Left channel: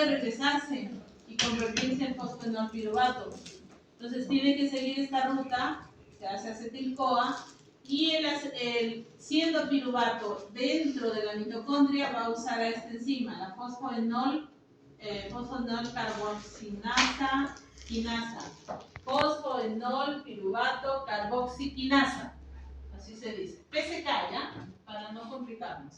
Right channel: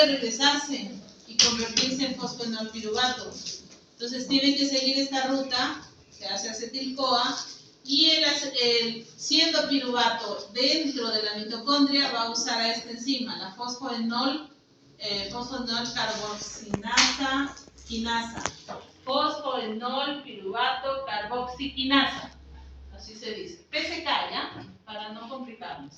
puede regresarse y convertirse en fosfenolpiruvato. Entonces tiene que seguir esta ruta, se hace acetil-CoA, y siendo piruvato dentro de la mitocondria va a usar a esta enzima, la fosfoenol carboxinasa quinasa. Fosfoenol piruvato carboxiquinasa. Así se dice. PCK, ¿ya? Para no complicarnos.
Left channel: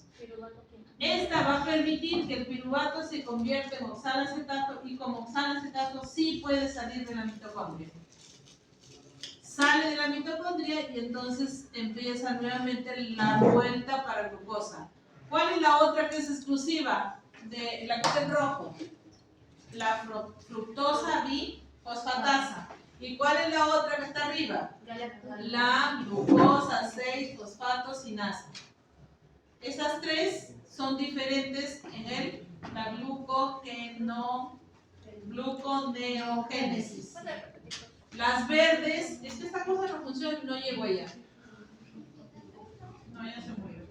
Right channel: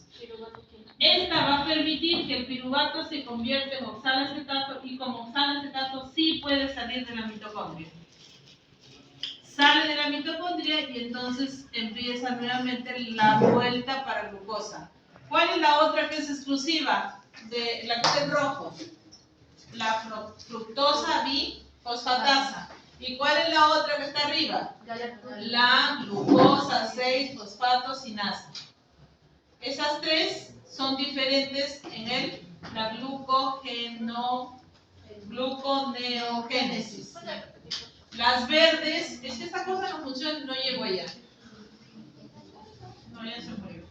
Esta va a permitir que el piruvato se convierta en oxalacetato, y como oxalacetato sí puede salir de la mitocondria. Sale de la mitocondria y entonces empieza nuevamente la vuelta para glucosa. ¿Cuál es la otra que es exclusiva? De la que está en rojo. La fructosa bifosfatasa. ¿Y cuál es la otra que está arriba? La glucosa 6-fosfatosinasa. Esas tres son diferentes en la gluconeogénesis. Las verdes, es que esta cosa no funciona, no llegó allá. No, ya se murió.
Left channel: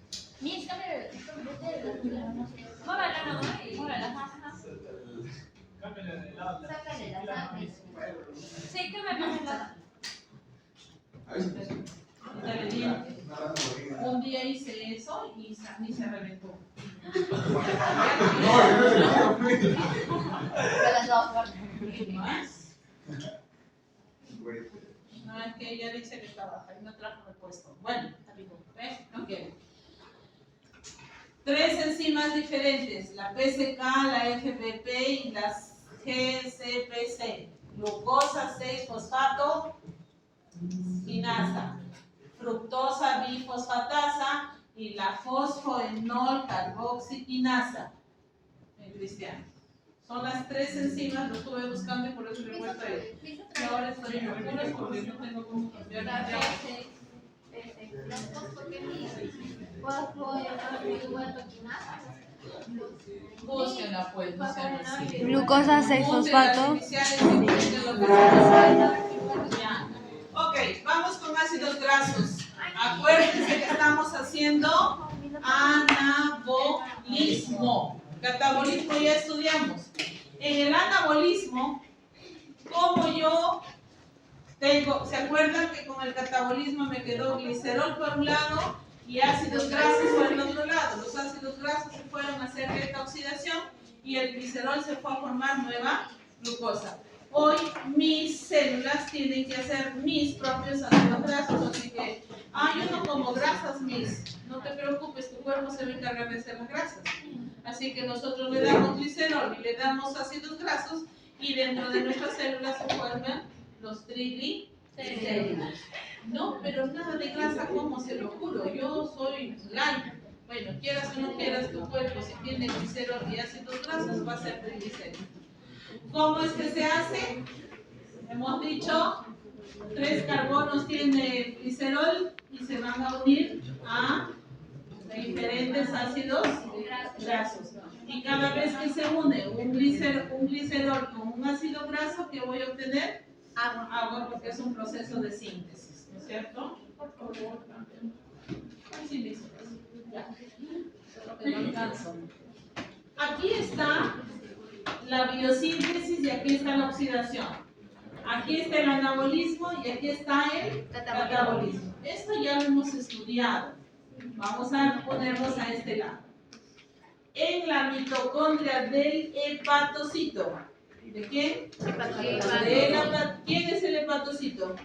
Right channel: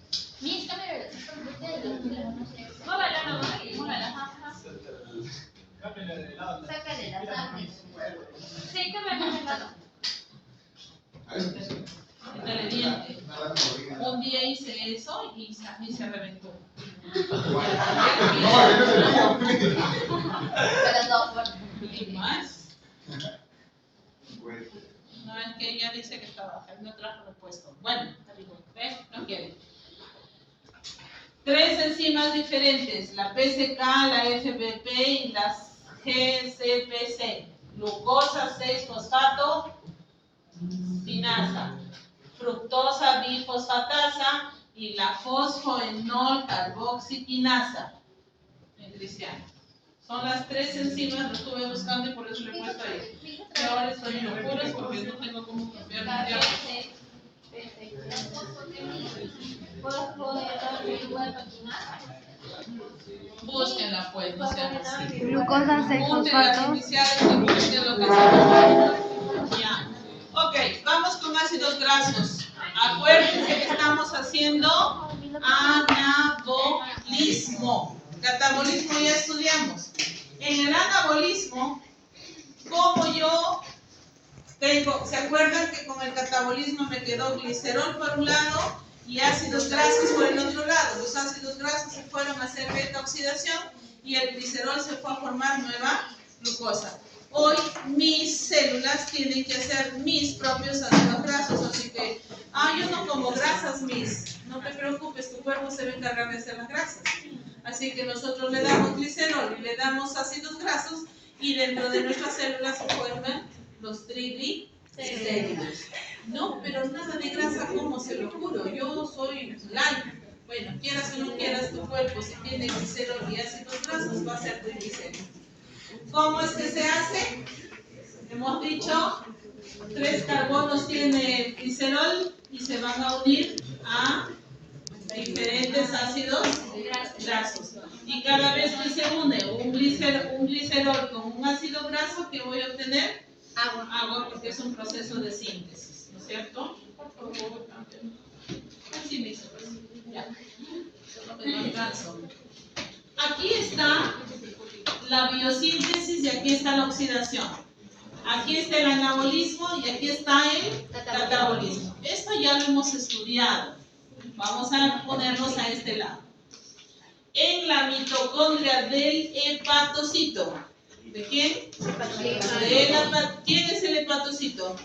Sácale la sangre. Sí, cámbiale de lado. Dale diente. Un día hice eso y se reventó. Pero no fuerte. ¿Y más? No, es que ella dice que está baja y no trajo repuesto. Bueno, ¿ves? No quiere. Tres enzimas diferentes, la PCK, la FBP y la GCPC. Glucosa 6-fosfato-sinasa, fructosa bifosfatasa y la fosfoenol carboxiquinasa. En cristiano. Son las tres enzimas, lo estuve buscando y por eso le he puesto ahí. Y ahora estoy en locuras porque no tengo cómo cambiar mi tiempo. Búsquenla pues, no sean así. Glucosa 6-fosfato. Ya. Ok, vamos con ácidos grasos. Acuérdense que estamos haciendo anabolismo. Catabolismo ya estudiamos. En el anabolismo, como yo tengo, ¿se acuerdan que con el catabolismo me quedó glicerol por un lado y ácidos grasos por el otro lado? Los ácidos grasos se fueron a hacer beta oxidación y el glicerol se fue a formar nueva glucosa. Hoy mis células tienen que hacer mis propios ácidos grasos, así que, yo no como grasas, no te preocupes, tu cuerpo se va a encargar de hacer las grasas. Así que nosotros le damos glicerol y le damos ácidos grasos y dentro de nuestras células se forman los triglicéridos. No, pero nada de grasa, ¿cómo se lo juro? Yo soy light. Bueno, quieras o no quieras, tu cuerpo si tiene glicerol y ácidos grasos va a ser triglicéridos. ¿Cómo es que se hace? Hemos dicho, 3 carbonos tiene el glicerol y se van a unir a diferentes ácidos grasos. Y cada vez que se une un glicerol con un ácido graso, ¿qué voy a obtener? Agua, porque es un proceso de síntesis, ¿no es cierto? Por favor, cambien. Así mismo. Ya. Solo que no alcanzo. Aquí está la biosíntesis y aquí está la oxidación. Aquí está el anabolismo y aquí está el catabolismo. Esto ya lo hemos estudiado. Vamos a ponernos a este lado. En la mitocondria del hepatocito. ¿De quién? ¿Quién es el hepatocito?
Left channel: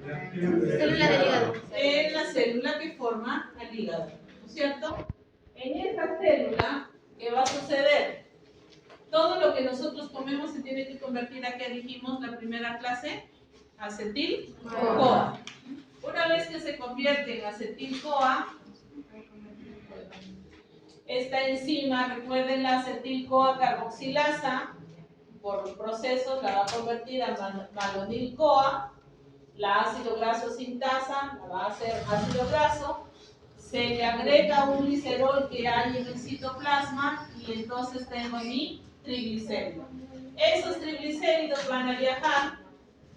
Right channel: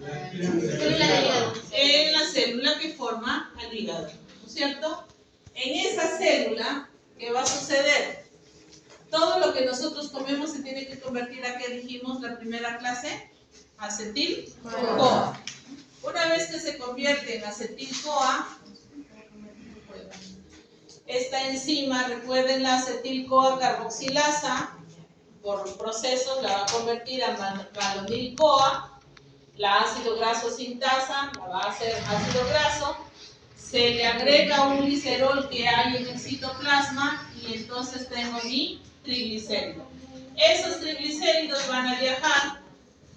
Célula del hígado. En la célula que forma al hígado, ¿no es cierto? En esa célula, ¿qué va a suceder? Todo lo que nosotros comemos se tiene que convertir a, ¿qué dijimos la primera clase? Acetil-CoA. Una vez que se convierte en acetil-CoA, esta enzima, recuerden la acetil-CoA carboxilasa, por procesos la va a convertir a malonil-CoA, la ácido graso sintasa la va a hacer ácido graso, se le agrega un glicerol que hay en el citoplasma y entonces tengo mi triglicérido. Esos triglicéridos van a viajar,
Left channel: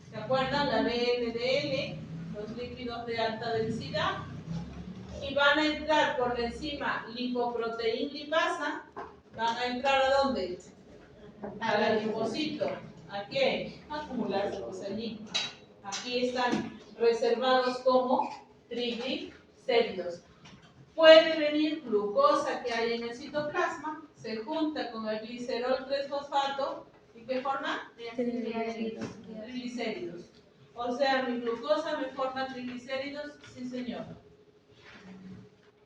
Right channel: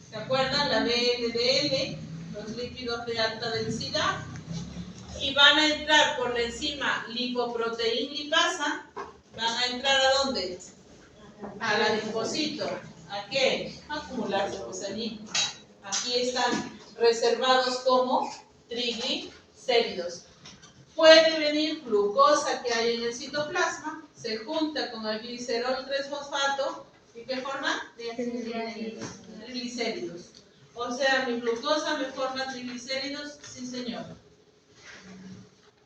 ¿se acuerdan? La VLDL, los líquidos de alta densidad, y van a entrar por la enzima lipoproteín lipasa, van a entrar ¿a dónde? al adipocito. ¿A qué? A acumularse pues allí. Aquí están reservados como triglicéridos. Puede venir glucosa que hay en el citoplasma, se junta con el glicerol 3-fosfato y ¿qué forma? Triglicéridos. O sea, mi glucosa me forma triglicéridos, sí señor.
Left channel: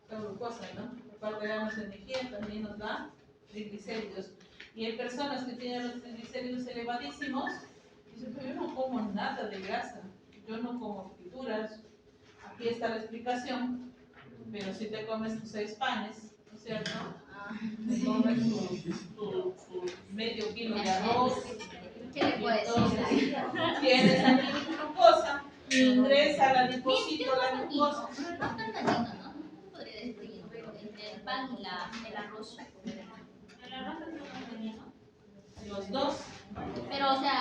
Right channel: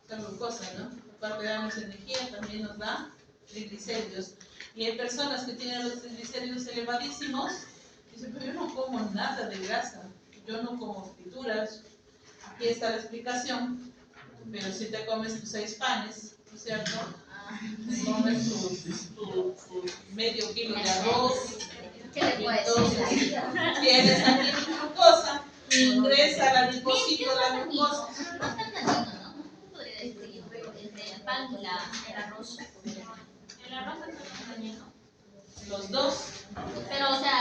La glucosa, ¿no? Aparte de darnos energía, también nos da triglicéridos. Y hay personas que tienen los triglicéridos elevadísimos y dicen, pero yo no como nada de grasa, yo no como frituras. Aquí está la explicación, pero si te comes tus 6 panes, ¿no es cierto? Te comes tu medio kilo de arroz, y entonces tienes aquí tu glucosa, ingresa al adipocito la glucosa. El pan y el arroz. El arroz es dañino. Los dos. Pero, o sea,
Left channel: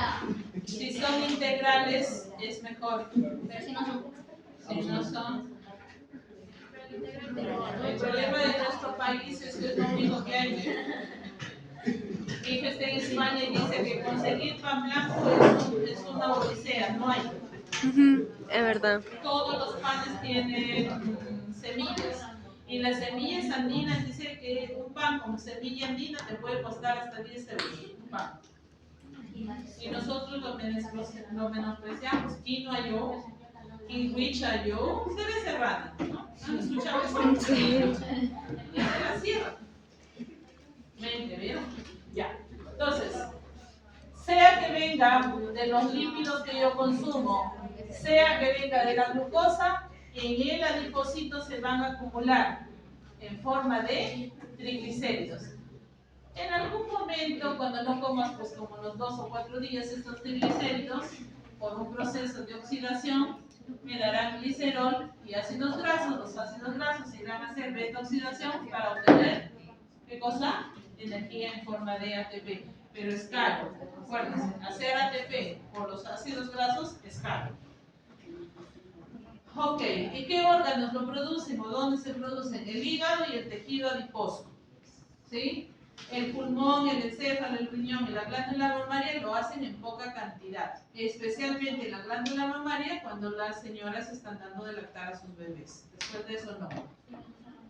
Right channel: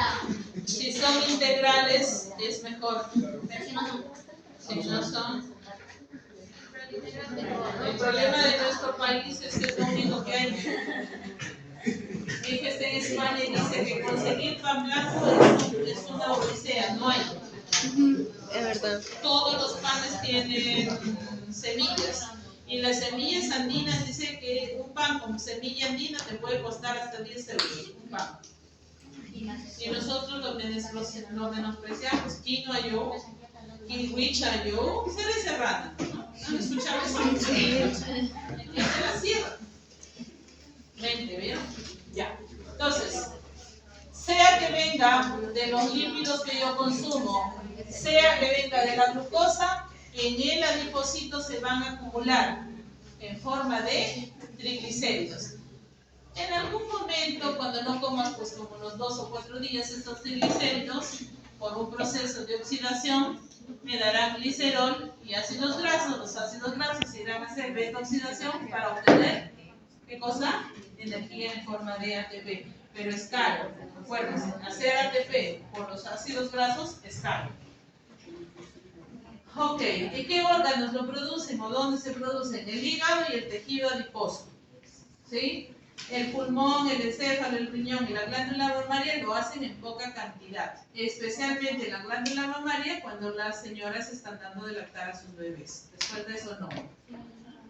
Si son integrales, es mejor. pero si no son. Si no son. El problema de nuestro país es que es lo único que hay. Mi hija está en España y dice que conseguir pan blanco es una odisea, no hay. Es verdad. Todos los panes tienen semillas. Y las semillas andinas dice que un pan con semilla andina te puede costar hasta 10 euros. Un pan. Y nosotros lo menospreciamos. Quinoa yo, kiwicha yo, seré serrana, ¿no? ¿Han escuchado eso? ¿Entienden la sierra? Mente, ¿vieron? Ya. Entonces, sea que venga de los lípidos que yo consumo, sea que venga de la glucosa, en el adipocito se van a acumular en forma de triglicéridos. En algún momento, cuando no comas pues como unos 2 o 4 días estos triglicéridos, por un proceso de oxidación, me darán glicerol y ácidos grasos. Los ácidos grasos irán a hacer beta-oxidación para obtener, ¿qué cosa? Energía en forma de ATP. Pero es caro. Acuérdense, hacer ATP por los ácidos grasos es caro. Ok, ¿y qué órganos lo producen o dónde se producen? El hígado y el tejido adiposo. ¿Sí? El pulmón, el encéfalo, el riñón y la glándula mamaria lo hacen en poca cantidad, especialmente la glándula mamaria cuando las señoras están dando de lactar a sus bebés. Después de eso no.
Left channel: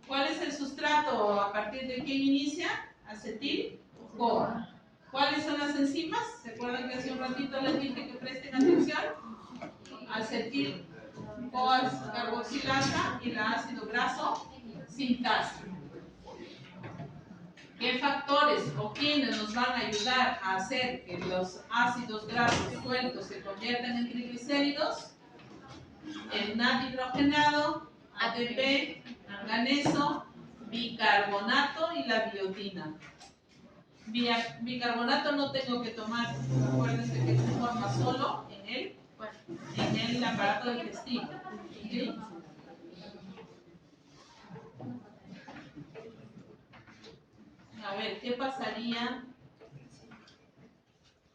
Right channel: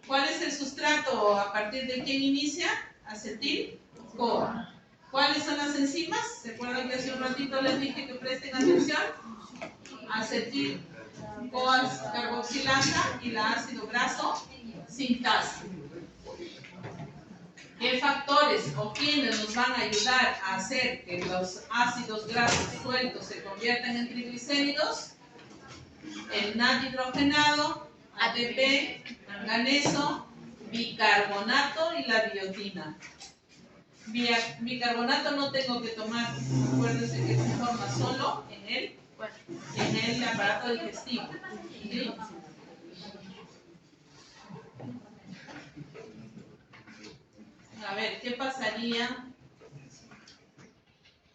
¿Cuál es el sustrato a partir de quién inicia? Acetil-CoA. ¿Cuáles son las enzimas? ¿Se acuerdan que hace un ratito les dije que presten atención? Acetil-CoA carboxilasa y la ácido graso sintasa. ¿Qué factores o quiénes nos van a ayudar a hacer que los ácidos grasos sueltos se conviertan en triglicéridos? El NAD hidrogenado, ATP, manganeso, bicarbonato y la biotina. Bicarbonato no tengo que tomar, acuérdense que se forma solo en el aparato digestivo. ¿Sí? A ver, ¿qué pasaría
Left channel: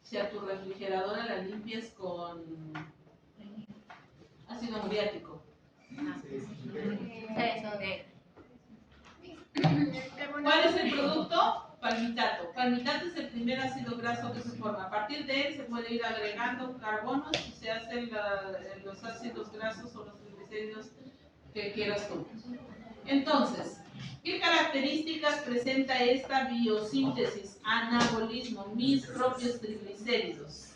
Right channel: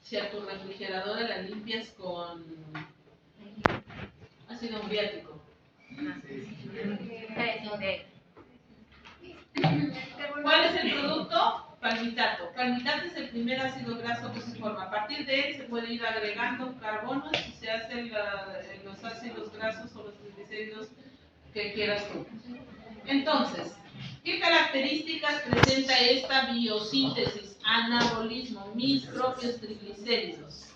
si a tu refrigeradora la limpias con ácido muriático? ¿Cuál es el producto? Palmitato. Palmitato es el primer ácido graso que se forma. A partir de él se puede ir agregando carbonos y se hacen los ácidos grasos o los triglicéridos que quieras tú. Entonces, ¿qué características presenta esta biosíntesis, anabolismo, mis propios triglicéridos?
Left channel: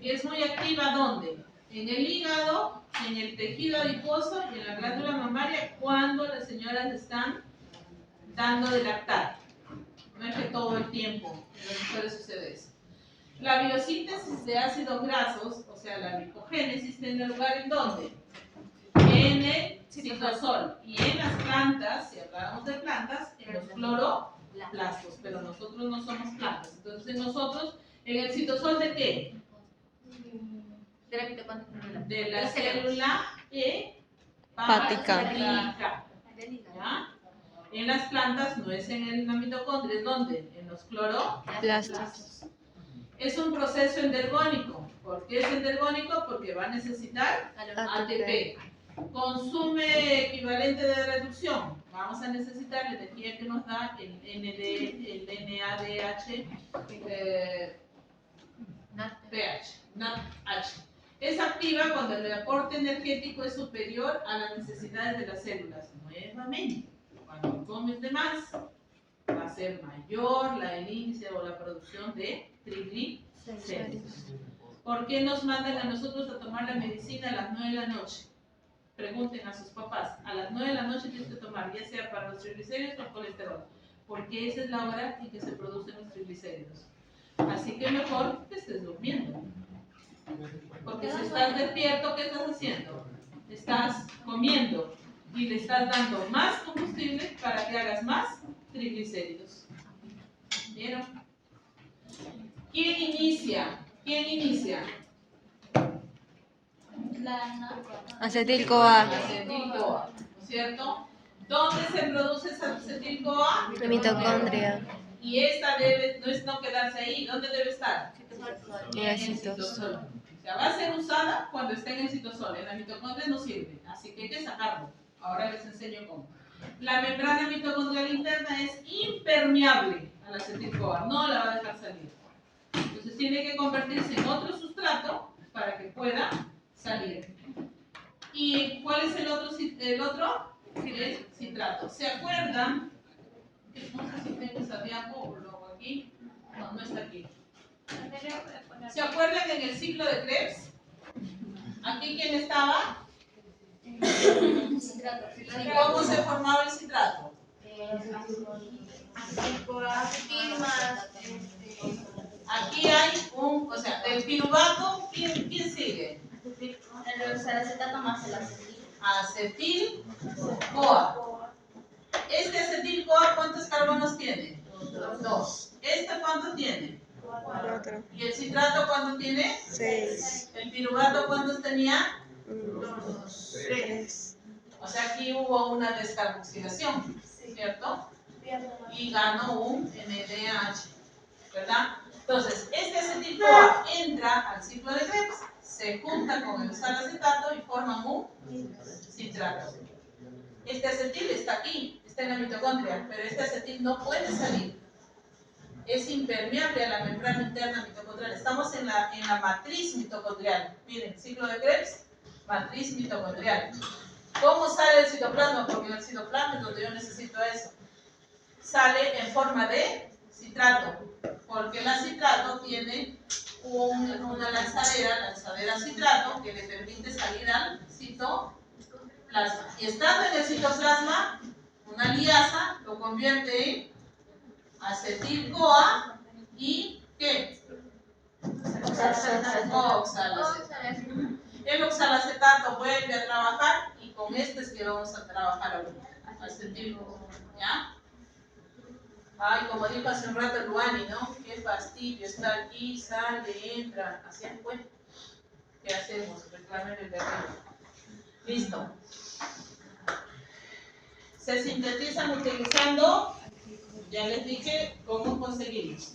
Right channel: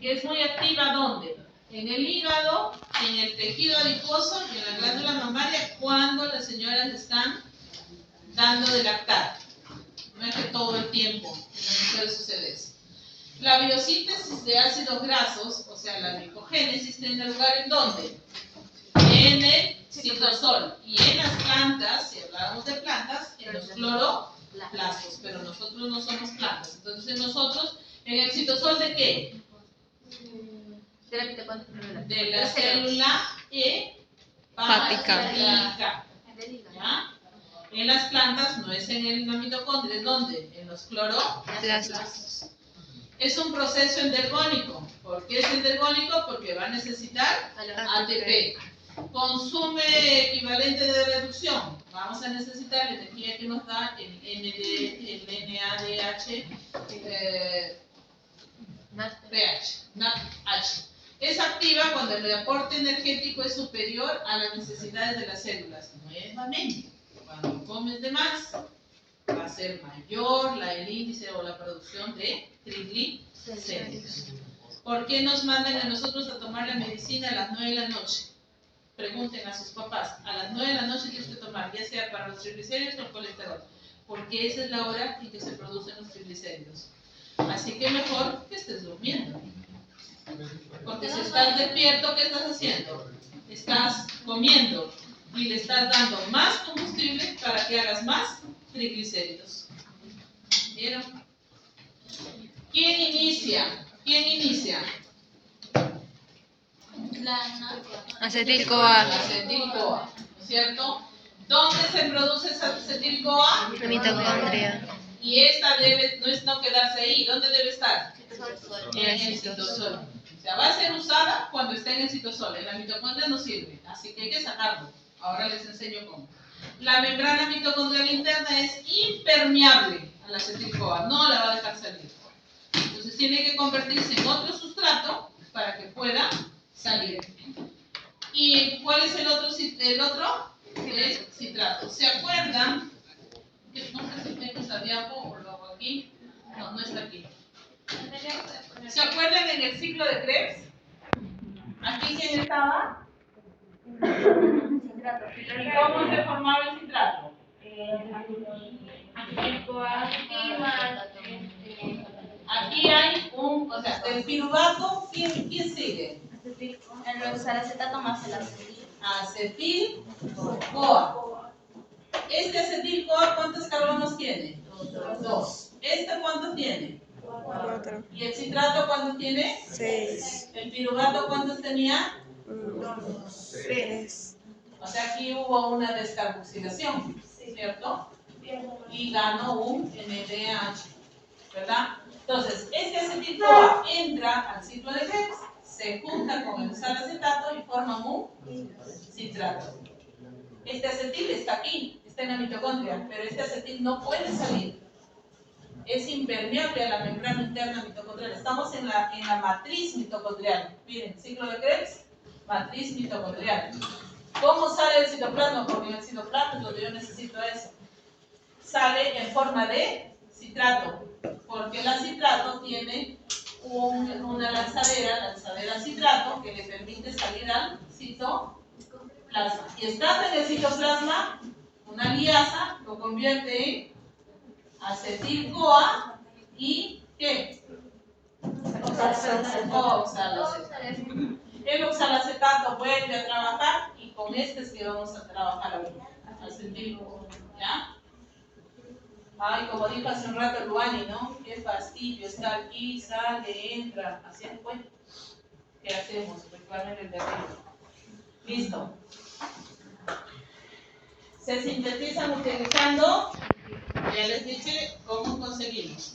Que es muy activa, ¿dónde? En el hígado, en el tejido adiposo y en la glándula mamaria cuando las señoras están dando de lactar. No es que todo el tiempo en las mujeres sucede eso. La biosíntesis de ácidos grasos, o sea, la glicogénesis, tiene lugar ¿en dónde? En el citosol. Y en las plantas, si hablamos de plantas, en los cloroplastos. Pero nosotros no somos plantas. Entonces, nosotros, en el citosol ¿de qué? De la célula hepática. ¿Ya? En las plantas no es en la mitocondria, ¿es dónde? En los cloroplastos. Es un proceso endergónico. ¿Por qué es endergónico? Porque va a necesitar ATP. Consume equivalente de reducción. vamos a necesitar la energía que nos da el NADH, NADH. Es activa cuando el aporte energético es superior a las necesidades de las células. Nuevamente, cuando comes de más, va a ser mayor el índice o la producción de triglicéridos. ¿Por qué nos mandan a nosotros a tomar la medicina a las 9 de la noche? Pregunten a sus papás, a las 9 de la noche tienes que tomar, ya sea para los triglicéridos o el colesterol, porque esa es la hora en que se producen los triglicéridos. Así que mejor que estés durmiendo. Porque si estás despierto, ¿qué estás haciendo? Estás comiendo y le estás dando más combustible para que hagas más triglicéridos. ¿Vieron? ¿Quién inicia? ¿Quién inicia? Acetil-CoA. Acetil-CoA, ¿no es cierto? ¿Dónde se produce esa acetil-CoA? La mitocondria. Y esta debe no quedarse ahí. ¿Dónde debe estar? En el citosol. O sea, va a ser usada cuando esté en el citosol. En la mitocondria no sirve, así que hay que sacarlo. Ahora les enseño cómo. La membrana mitocondrial interna es impermeable a la acetil-CoA, no la va a dejar salir. Entonces tiene que convertirse en otro sustrato para que pueda salir. ¿Y cuál es el otro? El citrato. ¿Se acuerdan? No sé si tengo esa diapo o lo hago aquí. No, no está aquí. ¿Se acuerdan en el ciclo de Krebs? ¿Aquí quién estaba? ¿Y cómo se formaba el citrato? Aquí hay o sea, del piruvato, ¿quién sigue? El oxalacetato más el acetil. Acetil-CoA. Este acetil-CoA, ¿cuántos carbonos tiene? 2. ¿Este cuánto tiene? 4. ¿Y el citrato cuánto tiene? 6. ¿El piruvato cuántos tenía? 3. O sea, aquí hubo una descarboxilación, ¿cierto? Y ganó un NADH, ¿verdad? Entonces, este acetil-CoA entra al ciclo de Krebs, se junta con el oxalacetato y forman un citrato. Este acetil está aquí, está en la mitocondria, pero este acetil no puede salir. Es impermeable a la membrana interna mitocondrial. Estamos en la matriz mitocondrial. Miren, ciclo de Krebs, matriz mitocondrial. ¿Cómo sale el citoplasma? Porque en el citoplasma es donde yo necesito eso. Sale en forma de citrato, porque el citrato tiene una lanzadera citrato, que le permite salir al citoplasma. Y estando en el citoplasma, una liasa lo convierte en acetil-CoA y ¿qué? Oxalacetato. El oxalacetato vuelve a trabajar y con este es que vamos a trabajar ahorita. Acetil-CoA, ¿ya? Ay, como dijo hace un rato Luani, ¿no? Qué fastidio, está aquí, sale, entra, así pues. ¿Qué hacemos? Reclamen el de arriba. Listo. Se sintetizan utilizando, ya les dije cómo conseguimos.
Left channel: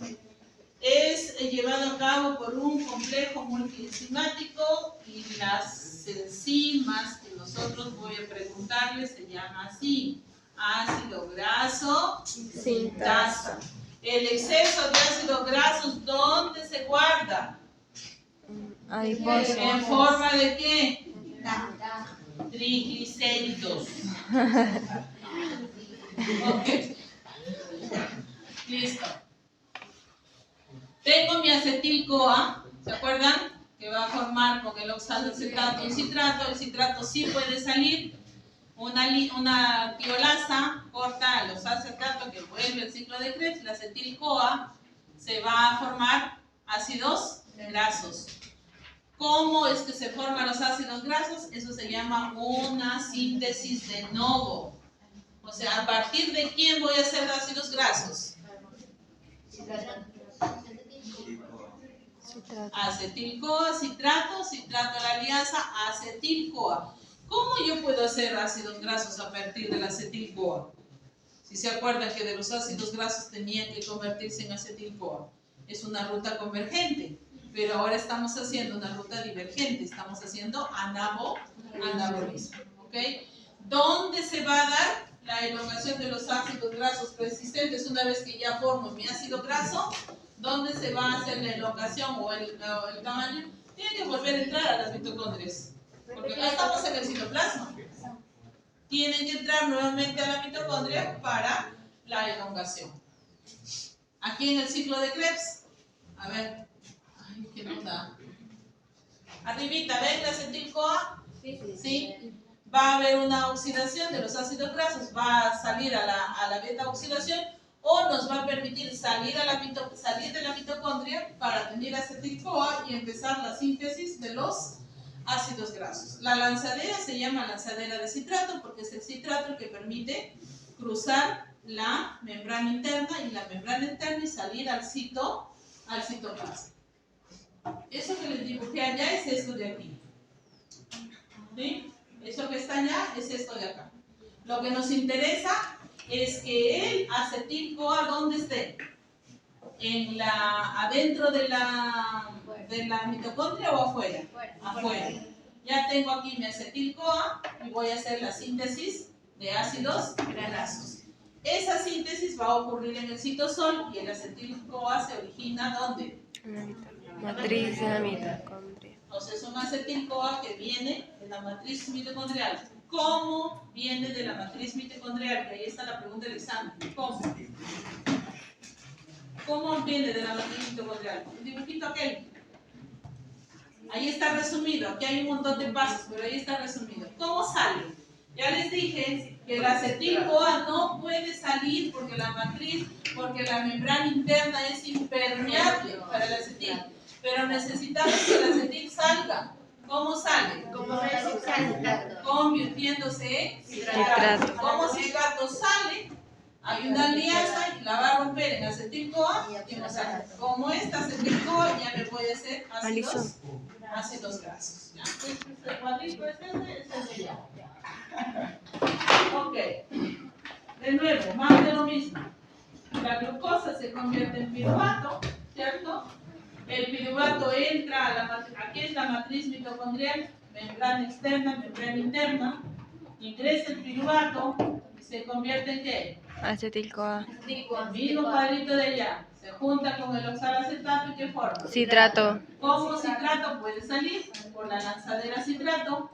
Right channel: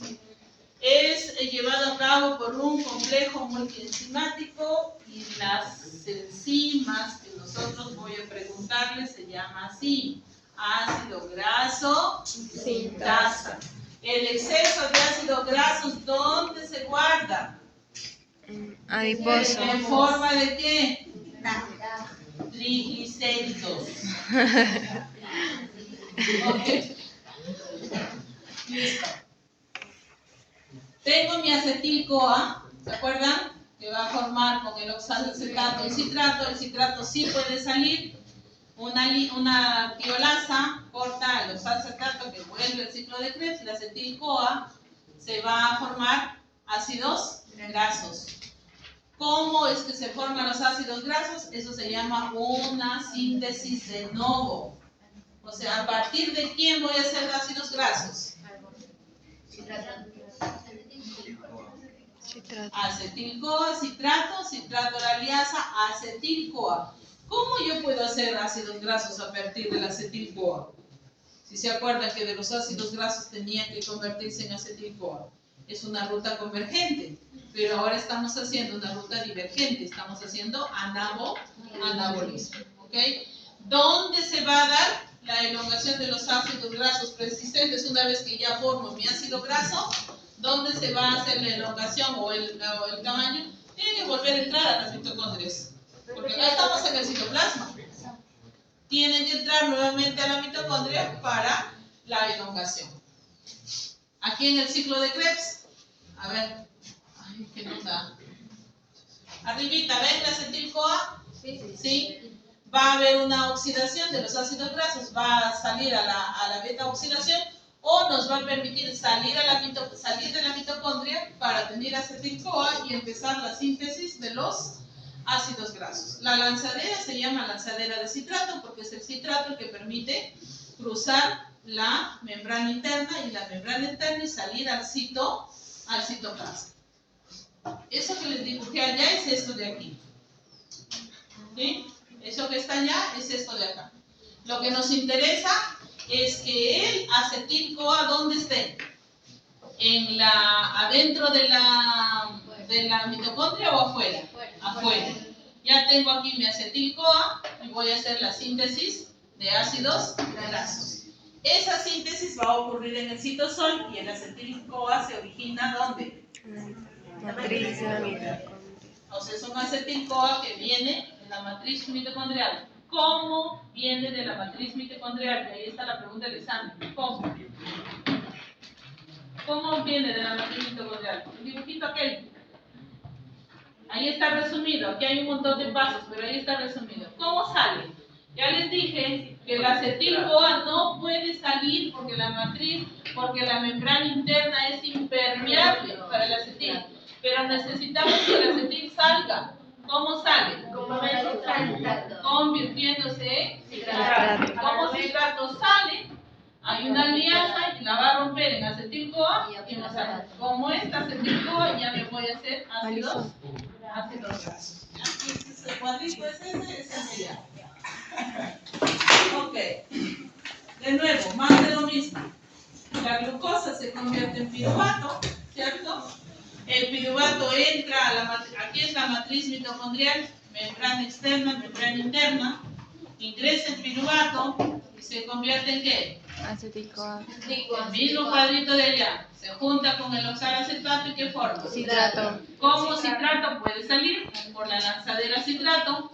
Es llevado a cabo por un complejo multienzimático y las enzimas que nosotros voy a preguntarles se llama así: ácido graso sintasa. El exceso de ácidos grasos, ¿dónde se guarda? Adiposo. ¿En forma de qué? Triglicéridos. Ok. Listo. Tengo mi acetil-CoA, ¿se acuerdan? Que va a formar con el oxalacetato un citrato. El citrato sí puede salir. Una tiolasa corta el oxalacetato que vuelve al ciclo de Krebs. La acetil-CoA se va a formar ácidos grasos. ¿Cómo es que se forman los ácidos grasos? Eso se llama una síntesis de novo. O sea, ¿a partir de quién voy a hacer ácidos grasos? Acetil-CoA, citrato la liasa, acetil-CoA. ¿Cómo yo puedo hacer ácidos grasos a partir del acetil-CoA? Si se acuerdan que de los ácidos grasos tenían que convertirse en acetil-CoA. Es una ruta convergente, pero ahora estamos haciendo una ruta divergente, estamos haciendo anabolismo. ¿Ok? ¿Dónde se va a dar la elongación de los ácidos grasos persistentes, una vez que ya formo mi ácido graso, ¿dónde se va a hacer la elongación o el tamaño? Tiene que volver a entrar a las mitocondrias, porque acá estamos en el citoplasma. Tienen que entrar nuevamente a la mitocondria para la elongación. Aquí en el ciclo de Krebs, a ver, ay, ¿qué nos da? Arribita, ¿ven la acetil-CoA? Sí. Va a haber una oxidación de los ácidos grasos, va a salir a la beta oxidación, o nos va a permitir salir de la mitocondria para tener acetil-CoA y empezar la síntesis de los ácidos grasos. La lanzadera se llama lanzadera de citrato porque es el citrato el que permite cruzar la membrana interna y salir al citoplasma. Eso que les dibujé allá es esto de aquí. ¿Sí? Eso que está allá es esto de acá. Lo que nos interesa es que el acetil-CoA, ¿dónde esté? ¿Adentro de la mitocondria o afuera? Afuera. Ya tengo aquí mi acetil-CoA y voy a hacer la síntesis de ácidos grasos. Esa síntesis va a ocurrir en el citosol y el acetil-CoA se origina ¿dónde? Matriz de la mitocondria. O sea, es un acetil-CoA que viene de la matriz mitocondrial. ¿Cómo viene de la matriz mitocondrial? Y ahí está la pregunta del examen. ¿Cómo? ¿Cómo viene de la matriz mitocondrial? El dibujito aquel. Ahí está resumido. Aquí hay un montón de pasos, pero ahí está resumido. ¿Cómo sale? Ya les dije que el acetil-CoA no puede salir porque la membrana interna es impermeable para el acetil. Pero necesitamos que el acetil salga. ¿Cómo sale? Convirtiéndose en citrato. Como citrato sale, hay una alianza y la va a romper en acetil-CoA y en acetil. Como esta acetil-CoA ya me voy a hacer ácidos grasos. ¿Ya? Este cuadrito es ese es ya. Ok. De nuevo, más de lo mismo. La glucosa se convierte en piruvato, ¿cierto? El piruvato entra aquí es la matriz mitocondrial, membrana externa, membrana interna, ingresa el piruvato y se convierte en ¿qué? Acetil-CoA. El mismo cuadrito de allá, se junta con el oxalacetato y ¿qué forma? Citrato. ¿Cómo citrato puede salir? Por la lanzadera citrato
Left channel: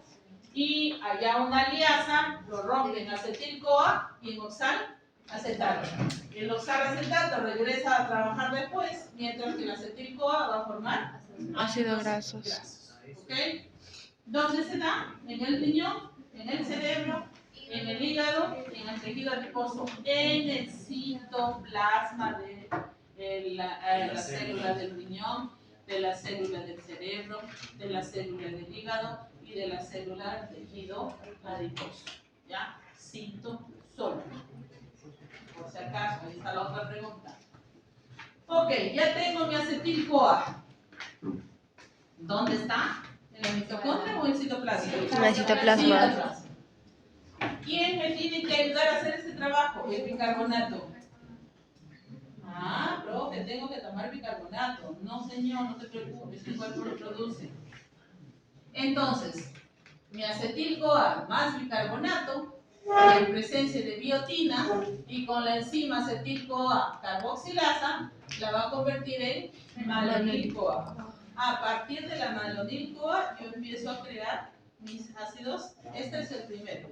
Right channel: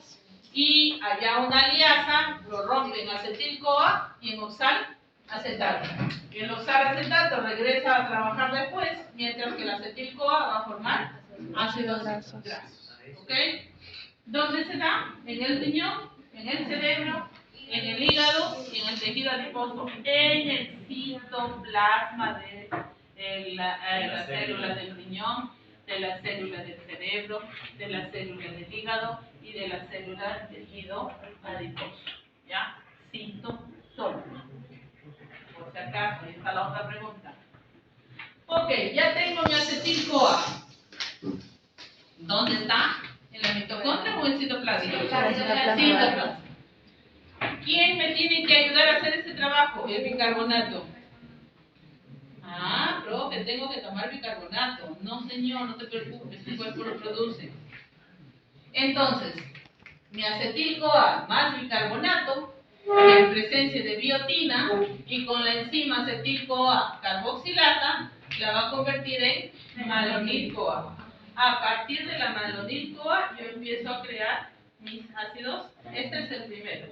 y allá una aliasa, lo rompen acetil-CoA y en oxalacetato. Y el oxalacetato regresa a trabajar después, mientras que el acetil-CoA va a formar ácidos grasos. ¿Ok? ¿Dónde se da? En el riñón, en el cerebro, en el hígado y en el tejido adiposo, en el citoplasma de la célula del riñón, de la célula del cerebro, de la célula del hígado y de la célula del tejido adiposo. ¿Ya? Citosol. Por si acaso, ahí está la otra pregunta. Ok, ya tengo mi acetil-CoA. ¿Dónde está? ¿En la mitocondria o en el citoplasma? En el citoplasma. ¿Quién me tiene que ayudar a hacer este trabajo? El bicarbonato. Ah, profe, tengo que tomar bicarbonato. No, señor, no te preocupes, tu cuerpo lo produce. Entonces, mi acetil-CoA más bicarbonato, en presencia de biotina y con la enzima acetil-CoA carboxilasa, la va a convertir en malonil-CoA. A partir de la malonil-CoA, yo empiezo a crear mis ácidos. Este es el primero.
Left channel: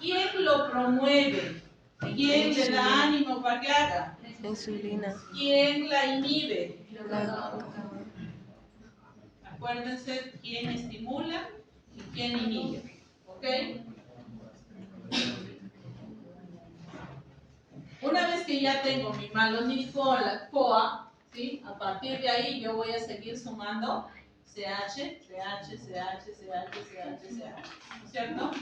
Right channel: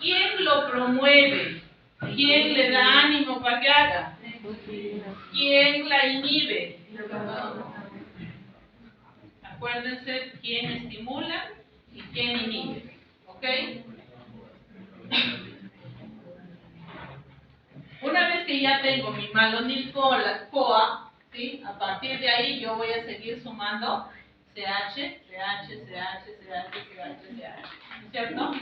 ¿Quién lo promueve? ¿Quién le da ánimo para que haga? ¿Quién la inhibe? Acuérdense quién estimula y quién inhibe. ¿Ok? Una vez que ya tengo mi malonil-CoA, ¿sí? A partir de ahí yo voy a seguir sumando CH, CH, CH, CH, CH, CH, ¿cierto?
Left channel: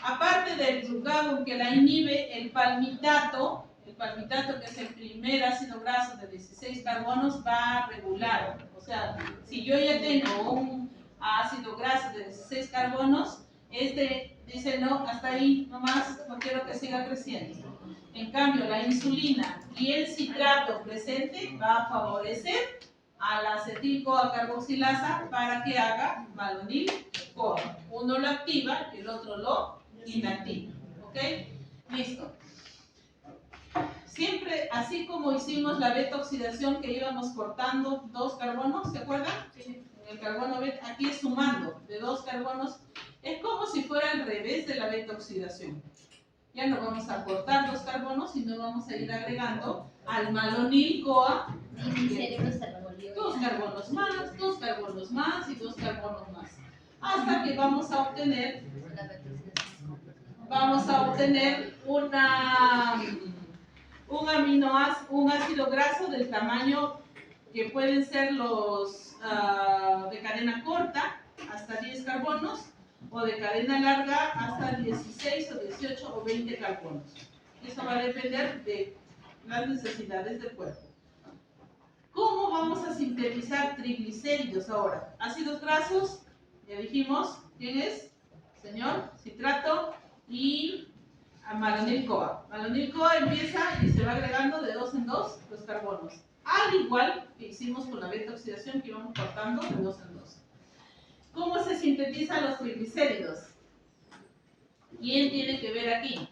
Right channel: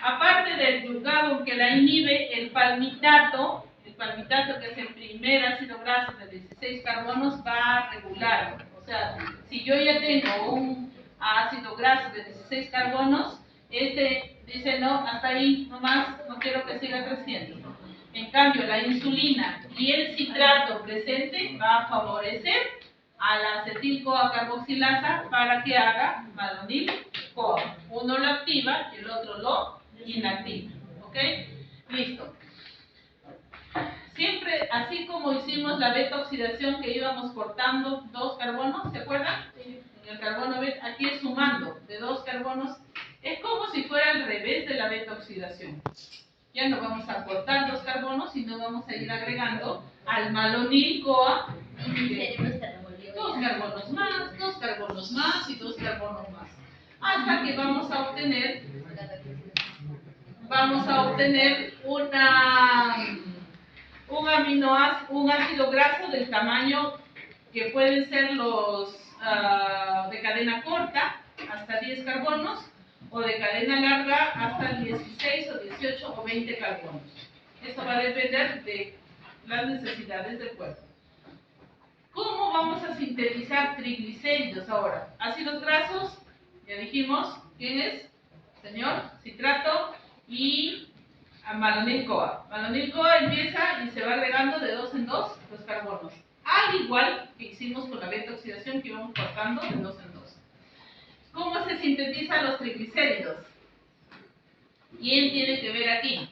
Aparte del glucagón que la inhibe, el palmitato que es el primer ácido graso de 16 carbonos, va a regular. O sea, si yo ya tengo un ácido graso de 16 carbonos, este dice no, hasta ahí nomás, no quiero que siga creciendo. En cambio, la insulina y el citrato presente va a favorecer a la acetil-CoA carboxilasa para que haga malonil-CoA. Uno lo activa y el otro lo inactiva. ¿Ok? Listo. Siempre, así como hicimos la beta oxidación que íbamos cortando 2 carbonos, ¿se acuerdan? En el carbono beta, aquí es sumando de 2 carbonos. Es como si fuera al revés de la beta oxidación. Ya no vamos a cortar 2 carbonos, sino vamos a ir agregando al malonil-CoA Y mi cerebro se revolvió. 2 carbonos más, 2 carbonos más y 2 carbonos más. Hasta que vamos a obtener un ácido graso del tamaño que pueden ser los de cadena corta, hasta 10 carbonos, o de cadena larga, hasta 16 o 18 o 20 carbonos. Eso va a depender de las necesidades del cuerpo. ¿Cómo vamos a sintetizar triglicéridos ahora? Ácidos grasos, ya dijimos, ¿quién es? Señor, citrato y malonil-CoA. Malonil-CoA empieza y se va agregando de 2 en 2 los carbonos. Al igual que hicimos con la beta oxidación que íbamos cortando de 2 en 2. ¿Cómo se sintetizan los triglicéridos? ¿Quién tiene que ver aquí?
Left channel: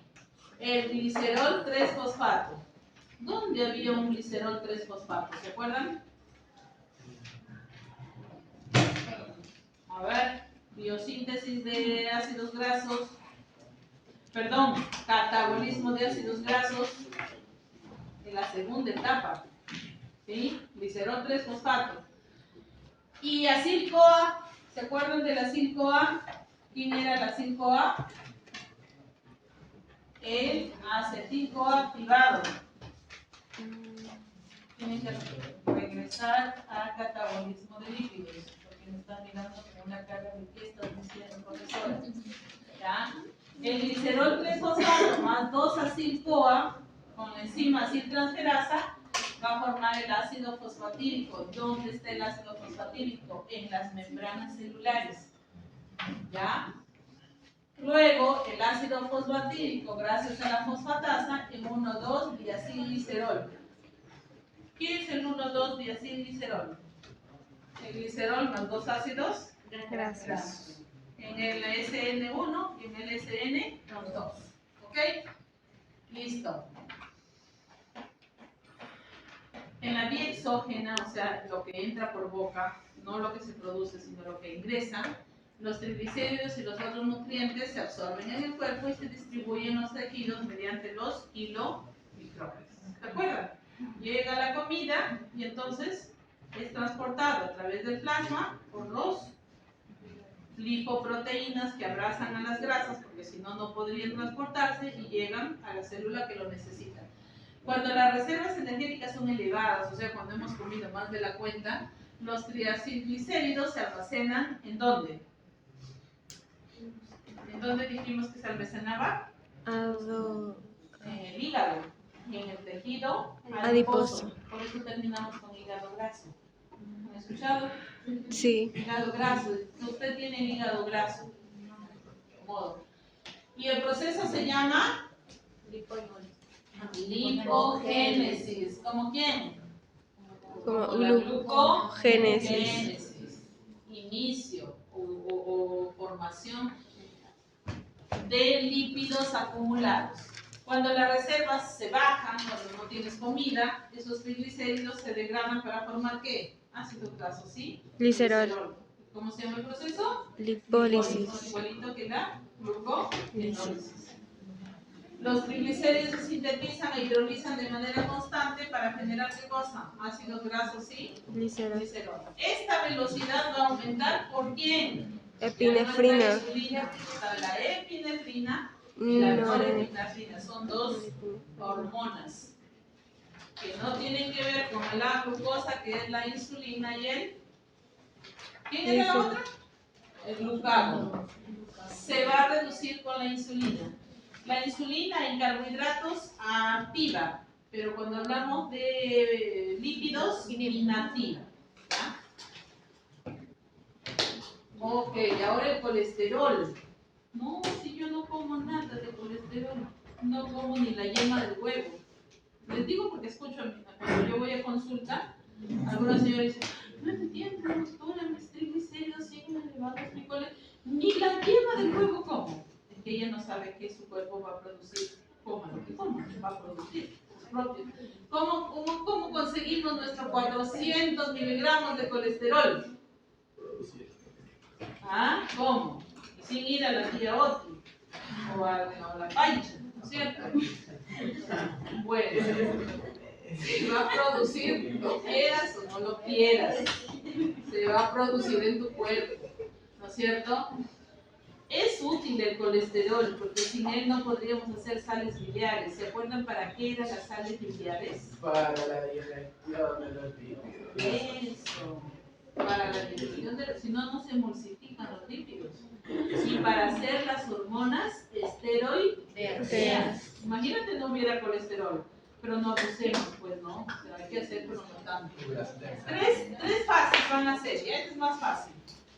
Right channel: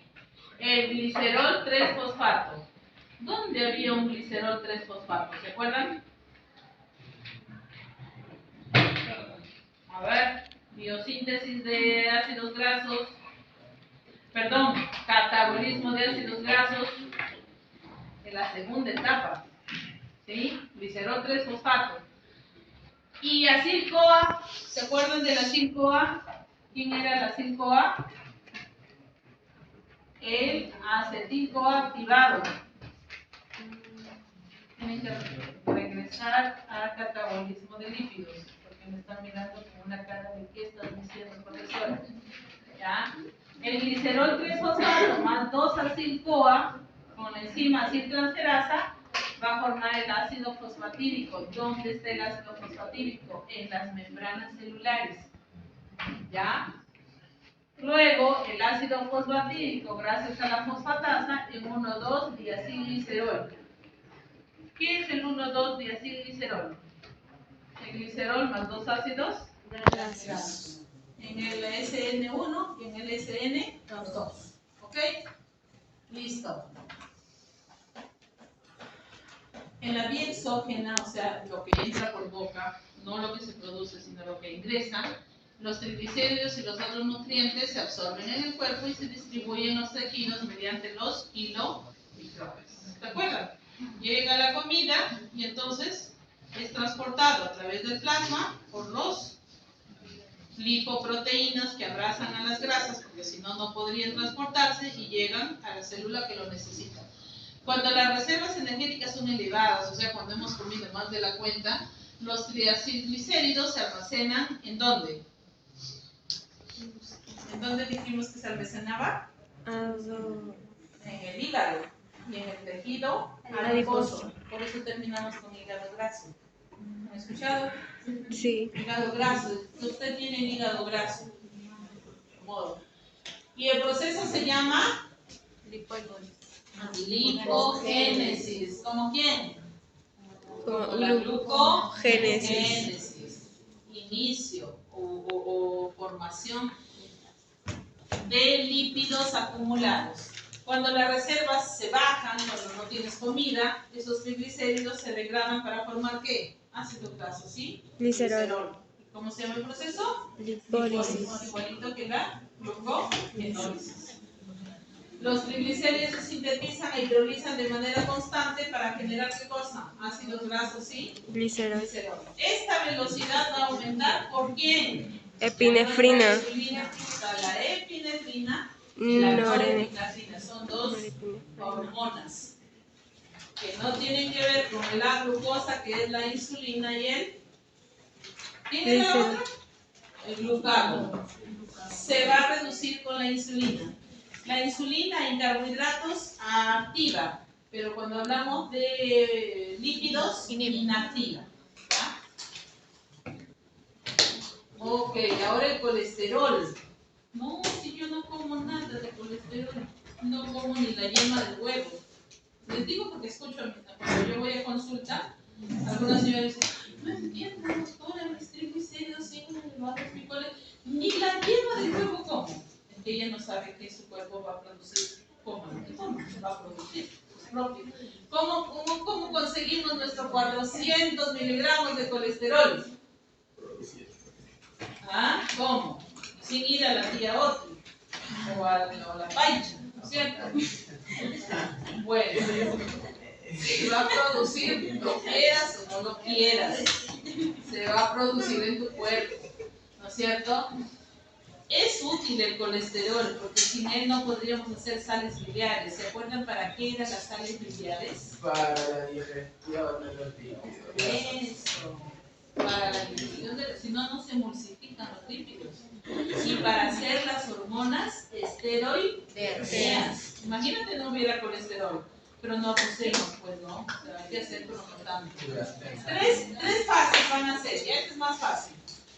El glicerol 3-fosfato. ¿Dónde había un glicerol 3-fosfato? ¿Se acuerdan? A ver, biosíntesis de ácidos grasos. Perdón, catabolismo de ácidos grasos en la segunda etapa. ¿Sí? Glicerol 3-fosfato. Y acil-CoA, ¿se acuerdan de la acil-CoA? ¿Quién era la acil-CoA? El acetil-CoA activado. Tienen que regresar a catabolismo de lípidos, porque me están mirando con una cara de ¿qué estás diciendo, profesora? ¿Ya? El glicerol 3-fosfato más 2-acil-CoA con la enzima aciltransferasa va a formar el ácido fosfatídico. ¿Dónde está el ácido fosfatídico? En las membranas celulares. ¿Ya? Luego, el ácido fosfatídico, gracias a la fosfatasa, en 1,2-diacilglicerol. ¿Qué es el 1,2-diacilglicerol? El glicerol más 2 ácidos grasos. En el SN1 y en el SN2. ¿Ok? Listo. En la vía exógena, o sea, lo que entra por boca, no lo que se produce, sino lo que ingresa, los triglicéridos y los otros nutrientes se absorben en el cuerpo y se distribuyen en los tejidos mediante los kilomicrobios. ¿Se acuerdan? Llega la comida y entonces es transportado a través del plasma por los lipoproteínas que abrazan a las grasas, porque si no, no podrían transportarse y llegan a la célula que lo necesita. Cuando las reservas energéticas son elevadas, o sea, cuando hemos comido más de la cuenta, los triacilglicéridos se almacenan ¿en dónde? ¿En dónde dijimos que se almacenaba? En el hígado y en el tejido adiposo. Por eso terminamos con hígado graso. ¿Han escuchado? Sí. Hígado graso. Usted tiene hígado graso. Modo. Y el proceso se llama lipogénesis. ¿Cómo quién? Como La glucogénesis. glucogénesis. Inicio o formación de lípidos acumulados. Cuando las reservas se bajan, cuando no tienes comida, esos triglicéridos se degradan para formar ¿qué? Ácido graso, ¿sí? Glicerol. ¿Cómo se llama el proceso? Lipólisis. Igualito que la glucogénesis. Los triglicéridos se sintetizan e hidrolizan de manera constante para generar ¿qué cosa? Ácidos grasos, ¿sí? Glicerol. Esta velocidad va a aumentar ¿por quién? Epinefrina. La epinefrina y la norepinefrina son dos hormonas que no tienen que ver con la glucosa, que es la insulina y el... ¿Quién es la otra? El glucagón. Se va a reducir con la insulina. La insulina en carbohidratos activa, pero cuando hablamos de lípidos, inactiva. ¿Ya? Ok, ahora el colesterol. No, si yo no como nada de colesterol, no como ni la yema del huevo. Les digo porque escucho, cuando yo voy a consulta, algunas señoras dicen, no entiendo, doctora, mis triglicéridos siguen elevados, mi colesterol, ni la yema del huevo como. Es que ella no sabe sabe que su cuerpo va a producir, coma lo que toma, va a producir sus propios. ¿Cómo conseguimos nuestros 400 miligramos de colesterol? ¿Ah? ¿Cómo? Sin ir a la tía Oti o a la Paicha, ¿no es cierto? Bueno, se va a producir, lo quieras o no lo quieras, se va a producir en tu cuerpo, ¿no es cierto? Es útil el colesterol porque sin él no podríamos hacer sales biliares. ¿Se acuerdan para qué eran las sales biliares? Para la digestión de los lípidos. Eso, para la digestión si no, no se emulsifican los lípidos. Y para hacer las hormonas esteroideas. Imagínate no hubiera colesterol, pero no abusemos, pues no, o sea, hay que hacer, pero no tanto. Tres fases van a ser, ya este es más fácil.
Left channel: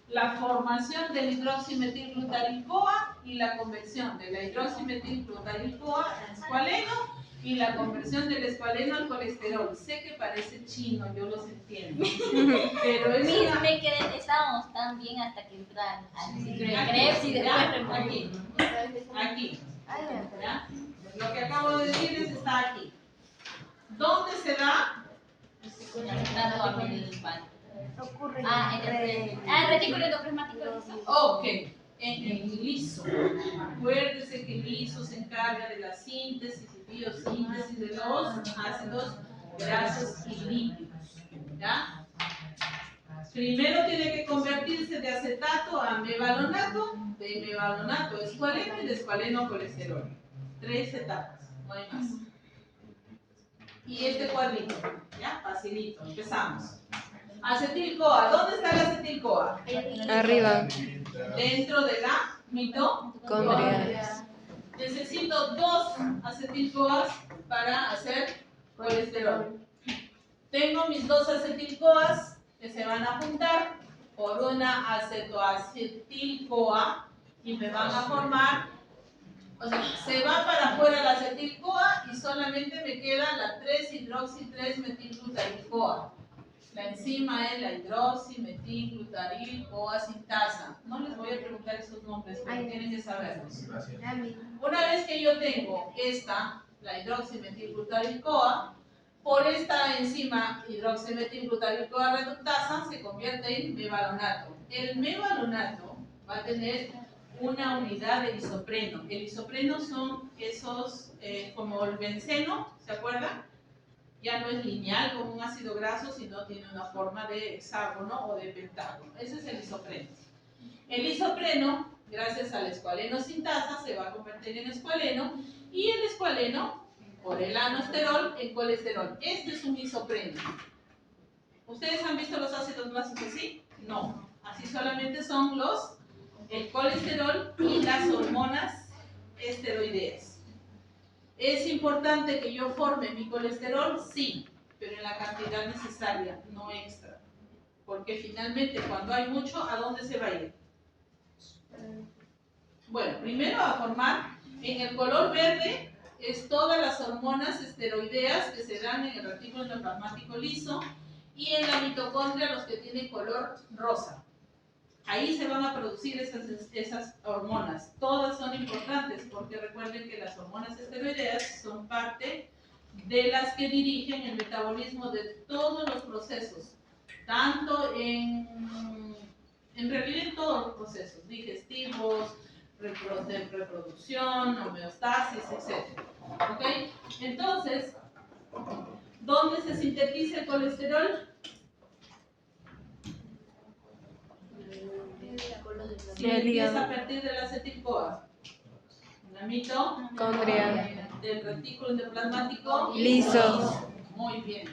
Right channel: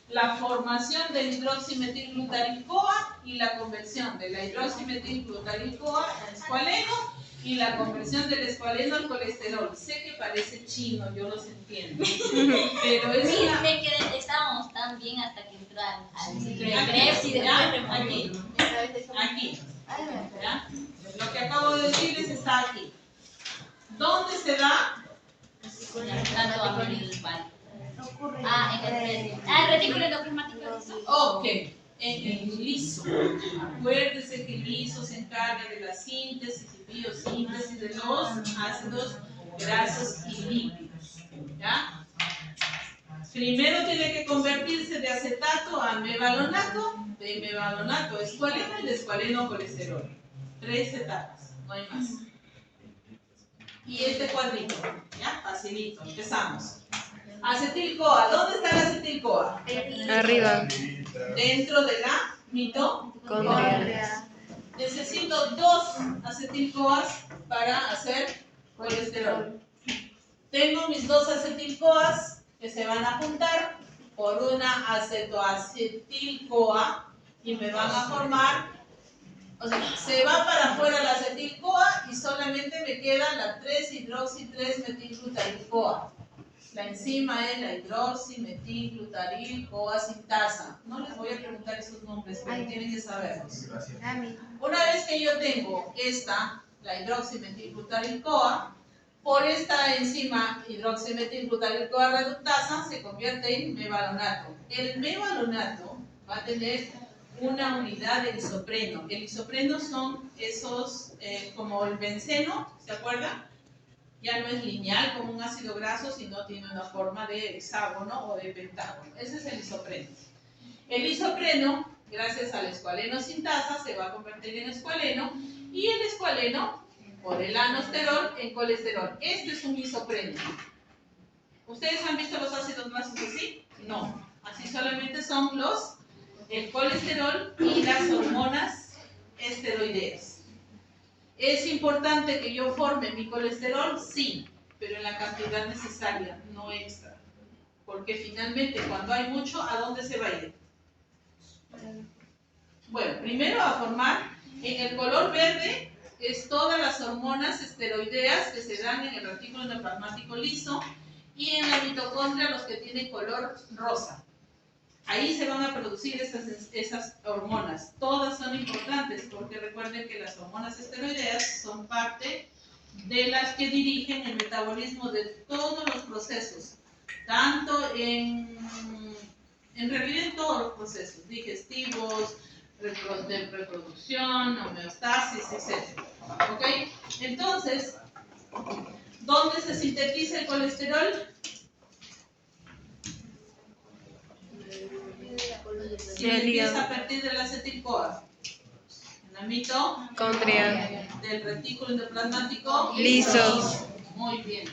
La formación del hidroximetilglutarin-CoA y la conversión de la hidroximetilglutarin-CoA al escualeno y la conversión del escualeno al colesterol. Sé que parece chino, yo los entiendo, pero es Sí, una... me quedé, estábamos tan bien hasta que entraron al Aquí, recreo y ¿ya? después Aquí, ¿ya? Lo que acabo de decirles está aquí. ¿Dónde se da? tanto a mí el retículo endoplasmático. Ok, en el liso. Acuérdese que el liso se encarga de la síntesis y biosíntesis de los ácidos grasos y lípidos. ¿Ya? Primero tiene que convertirse de acetato a mevalonato, de mevalonato a escualeno y de escualeno a colesterol. 3 etapas, no hay más. Y este cuadrito, ¿ya? Facilito, empezamos. Acetil-CoA, ¿dónde está el acetil-CoA? Arriba. Dentro de la mitocondria. Necesito 2 acetil-CoAs para hacer colesterol. Tengo mis 2 acetil-CoAs que se van a juntar por una acetoacetil-CoA y me van a formar, o sea, se va para afuera la acetil-CoA y solamente me queda la 3-hidroxi-3-metilglutarin-CoA. La enzima es la hidroximetilglutarin-CoA sintasa. No les voy a preguntar esos nombres, pero tienen que saberlos. Una vez que yo tengo esta, la hidroximetilglutarin-CoA, por esta enzima hidroximetilglutarin-CoA reductasa se convierte en mevalonato. El mevalonato va a tener una unidad de isopreno. El isopreno son esos, como el benceno, ¿se acuerdan? Ya no es lineal como un ácido graso, sino tiene una forma de hexágono o de pentágono. Ese es el isopreno. El isopreno, gracias al escualeno sintasa, se va a convertir en escualeno y el escualeno, por el anosterol, en colesterol. Este es un isopreno. ¿Ustedes han visto los ácidos grasos así? No. Así solamente son el colesterol y las hormonas esteroideas. ¿Es importante que yo forme mi colesterol? Sí, pero en la cantidad necesaria, no extra. Porque finalmente cuando hay mucho, ¿a dónde se va a ir? Bueno, primero a formar, en el color verde, es todas las hormonas esteroideas que se dan en el retículo endoplasmático liso y en la mitocondria los que tienen color rosa. Ahí se van a producir esas hormonas. Todas son importantes porque recuerden que las hormonas esteroideas son parte de las que dirigen el metabolismo de todos los procesos, tanto en realidad en todos los procesos, digestivos, de reproducción, homeostasis, etc. ¿Ok? Entonces, ¿dónde se sintetiza el colesterol? Sintetiza a partir de la acetil-CoA. En la mitocondria del retículo endoplasmático liso. Muy bien.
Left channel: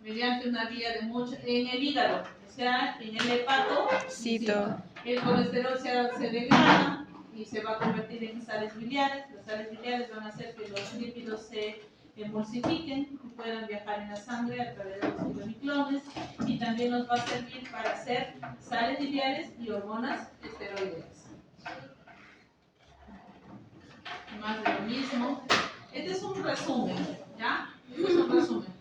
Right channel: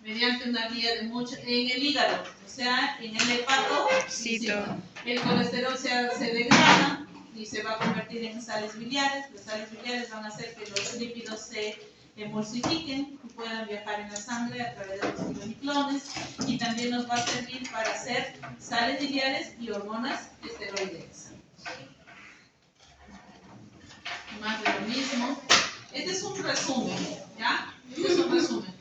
Mediante una vía de en el hígado, o sea, en el hepatocito. El colesterol se degrada y se va a convertir en sales biliares. Las sales biliares van a hacer que los lípidos se emulsifiquen y puedan viajar en la sangre a través de los piloniclones, y también nos va a servir para hacer sales biliares y hormonas esteroideas. Más de lo mismo. Este es un resumen, ¿ya? Este es un resumen.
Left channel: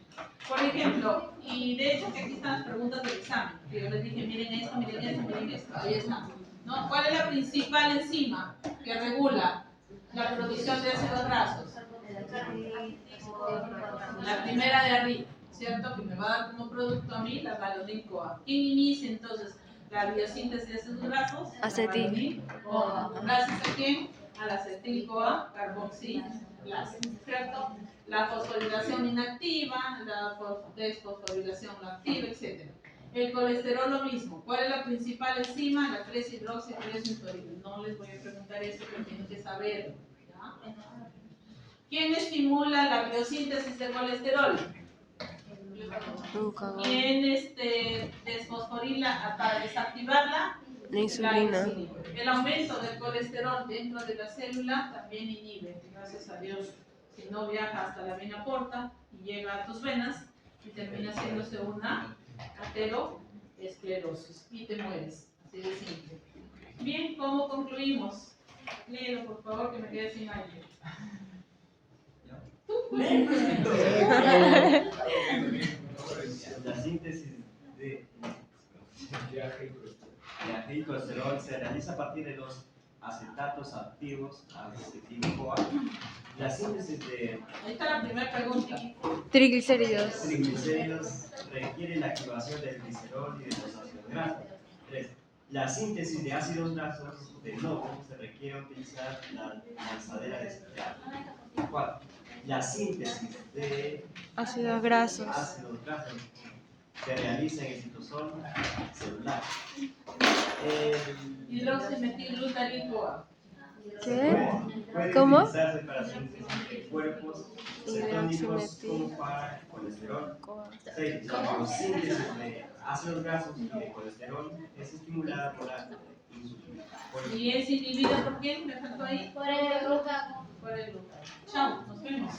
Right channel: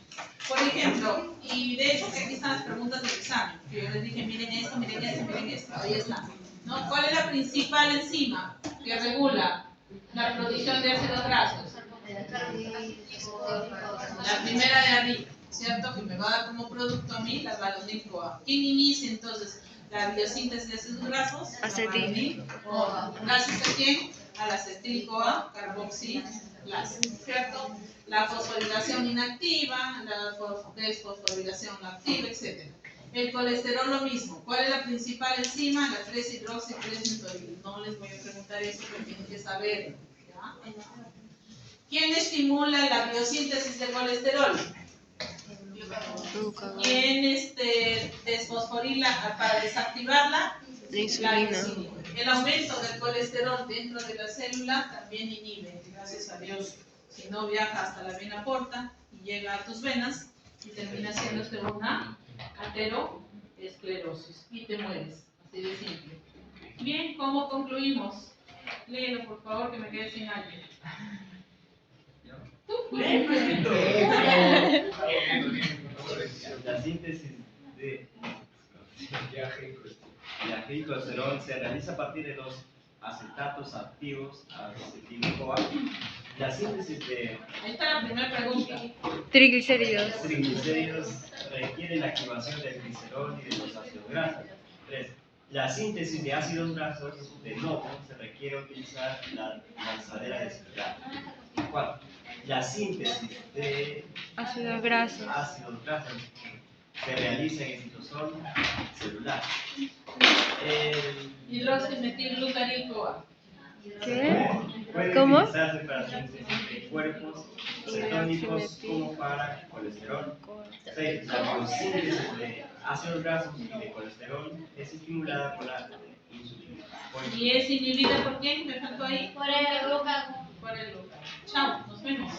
Por ejemplo, y de hecho que aquí están las preguntas del examen, que yo les dije, miren esto, miren esto, miren esto, ahí está. ¿No? ¿Cuál es la principal enzima que regula La producción de ácidos grasos. La primera de arriba, ¿cierto? Que me va a dar como producto a mí la valonil-CoA. ¿Quién inicia entonces la biosíntesis de ácidos grasos? Acetil-CoA. ¿Gracias a quién? Al acetil-CoA carboxilasa, ¿cierto? La fosforilación inactiva, la desfosforilación activa, etc. El colesterol lo mismo. ¿Cuál es la principal enzima? La 3-hidroxi-3-nitoril. No les voy a preguntar eso, pero tienen que saberlo. ¿Ya? ¿Quién estimula la biosíntesis de colesterol? Glucagón. ¿Quién desfosforila para desactivarla? La insulina. El aumento del colesterol dentro de la célula también inhibe, gracias a Dios. Si no viaja hasta la vena porta y llega a tus venas y termina haciéndose una aterosclerosis y te mueres. Así de simple. Bien, ¿cómo concluimos? Léelo por favor, que me quede sin aire. La síntesis de colesterol se realiza a partir de los acetatos activos acetil-CoA. La síntesis de Ahí está la primera pregunta. Triglicéridos. triglicéridos requiere la activación del glicerol y de los ácidos grasos. 3. La síntesis de ácidos grasos de novo se requiere utilizar la lanzadera de citrato. 4. La síntesis de Ácidos grasos. ácidos grasos se realiza en el citosol celular. Hidroximetilglutaril-CoA. ¿Qué? Puede ¿Cómo? utilizarse para síntesis de cuerpos cetónicos como para colesterol. 6. La biosíntesis de ácidos grasos y de colesterol es estimulada por la insulina. ¿Y es inhibida por quién? ¿Me faltó ahí? Por el glucagón. Por el glucagón. Chao, nos vemos.